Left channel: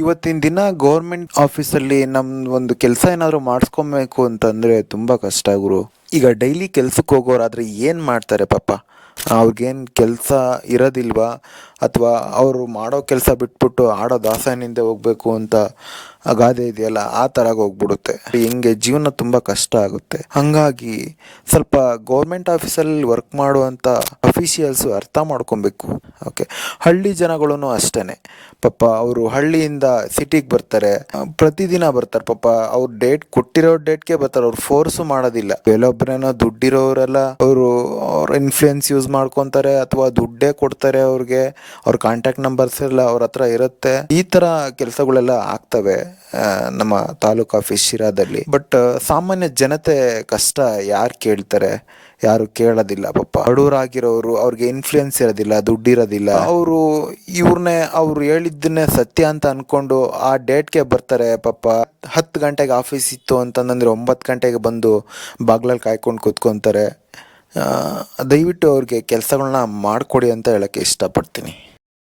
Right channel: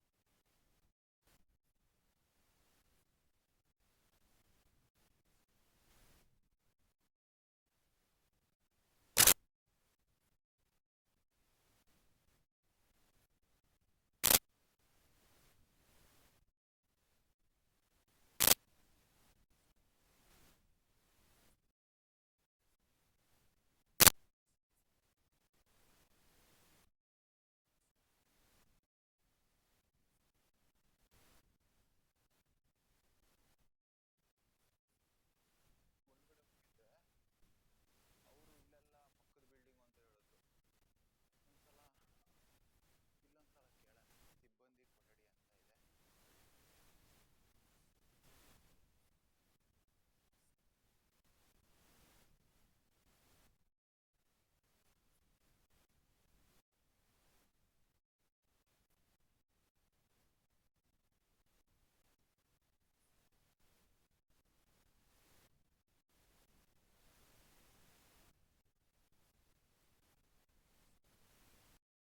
ಇವತ್ತಿನ ದಿನ ಗೌರ್ಮೆಂಟ್ ಆಫೀಸಲ್ಲಿ ನಮ್ದು ಒಂದು ಕೆಲಸ ಏನಾದರೂ ಮಾಡಿಸ್ಕೊಬೇಕು ಅಂತಂದರೆ ತುಂಬ ಕಷ್ಟ ಗುರು. ಈಗ ಡೈಲಿ ಕೆಲ್ಸಕ್ಕೆ ಹೋಗೋರಾದ್ರೆ ಏನು ಮಾಡ್ತಾರೆ ಪಾಪ. ಅವ್ರಿಗೇನು ಕೆಲಸ ಇರೋದಿಲ್ವಾ, ಅಥವಾ ಅವರು ಮಾಡೋ ಕೆಲಸ ಬಿಟ್ಬಿಟ್ಟು ಆಡೋ ದಾಸನಿಂದ ಹೋಗ್ಬೇಕು ಅಂತ ಆ ಗಾದೆ ಇದೆಯಲ್ಲ, ಆ ಥರ ಹೋಗ್ಬಿಡುತ್ತೆ. ಹಿಂಗೆ ಜೀವನ ತುಂಬ ಕಷ್ಟ ಆಗುತ್ತೆ. ಹಾಗಾಗಿ ಸ್ವಲ್ಪ ಗೌರ್ಮೆಂಟ್ ಆಫೀಸಲ್ಲಿ ವರ್ಕ್ ಮಾಡುವಂಥ ಅಫಿಷಿಯಲ್ಸು ಅರ್ಥ ಮಾಡ್ಕೊಬೇಕು. ಓಕೆ, ಹಳ್ಳಿ ಜನಗಳೂ ಅಷ್ಟೇ ಪಾಪ. ಅವರು ಹಳ್ಳಿಯಿಂದ ಸಿಟಿಗೆ ಬರ್ತಾರೆ, ಪ್ರತಿದಿನ ಬರ್ತಾರೆ ಪಾಪ. ಅವ್ರು ಡೇಟ್ ಕೊಟ್ಟಿರೋ ಡೇಟ್ಗೆ ಬರ್ತಾರೆ, ಅವ್ರು ಫೋರ್ಸು ಮಾಡೋದಿಲ್ಲ. ಕೆಲವೊಬ್ಬರೇನೋ ದುಡ್ಡಿರೋರೆಲ್ಲ ಅವ್ರ ಇನ್ಫ್ಲೂಯೆನ್ಸ್ ಯೂಸ್ ಮಾಡ್ಕೊತಾರೆ, ಅಥವಾ ದುಡ್ಡೇ ಕೊಡ್ತಾರೆ ಅವ್ರಿಗೆ. ಅವ್ರ ಕಾಂಟ್ಯಾಕ್ಟ್ ನಂಬರ್ಸ್ ಎಲ್ಲ ಅವ್ರ ಹತ್ರ ಇರುತ್ತೆ. ಈ ಥರ ಕೆಲಸಗಳೆಲ್ಲ ಆಗ್ತವೆ ನಮ್ಮ ತಾಲೂಕು ಆಫೀಸ್ ಶಿರಾದಲ್ಲಿ. ಬಟ್ ಸಾಮಾನ್ಯ ಜನತೆ ಕಷ್ಟ ಯಾರು ಕೇಳ್ತಾರೆ? ಯಾರು ಕೇಳೋದಿಲ್ಲ ಪಾಪ. ಬಡವರಾಗಿರೋರು, ಅವ್ರಿಗೆ ಇನ್ಫ್ಲೂಯೆನ್ಸ್ ಇರೋದಿಲ್ಲ, ದುಡ್ಡಿರೋದಿಲ್ಲ. ಅವ್ರು ಹೇಳಿದ್ದನ್ನೇ ಸತ್ಯ ಅಂತ ಅನ್ಕೊಂಡು ಆ ಡೇಟ್ಗೆ ಬರ್ತಾರೆ ಪಾಪ. 10 ಗಂಟೆಗೆ ಆಫೀಸ್ ಇತ್ತು ಅಂತಂದ್ರೆ 9 ಗಂಟೆಗೆ ಬಂದು ಬಾಗ್ಲಲ್ಲಿ ಕಾಯ್ಕೊಂಡು ಕೂತ್ಕೊತಾರೆ. ದಯವಿಟ್ಟು ಅವ್ರಿಗೆ ಕೆಲಸಗಳನ್ನ ಮಾಡಿಕೊಡಿ ಅಂತ ಹೇಳೋಕ್ಕೆ ಇಷ್ಟಪಡ್ತೀನಿ.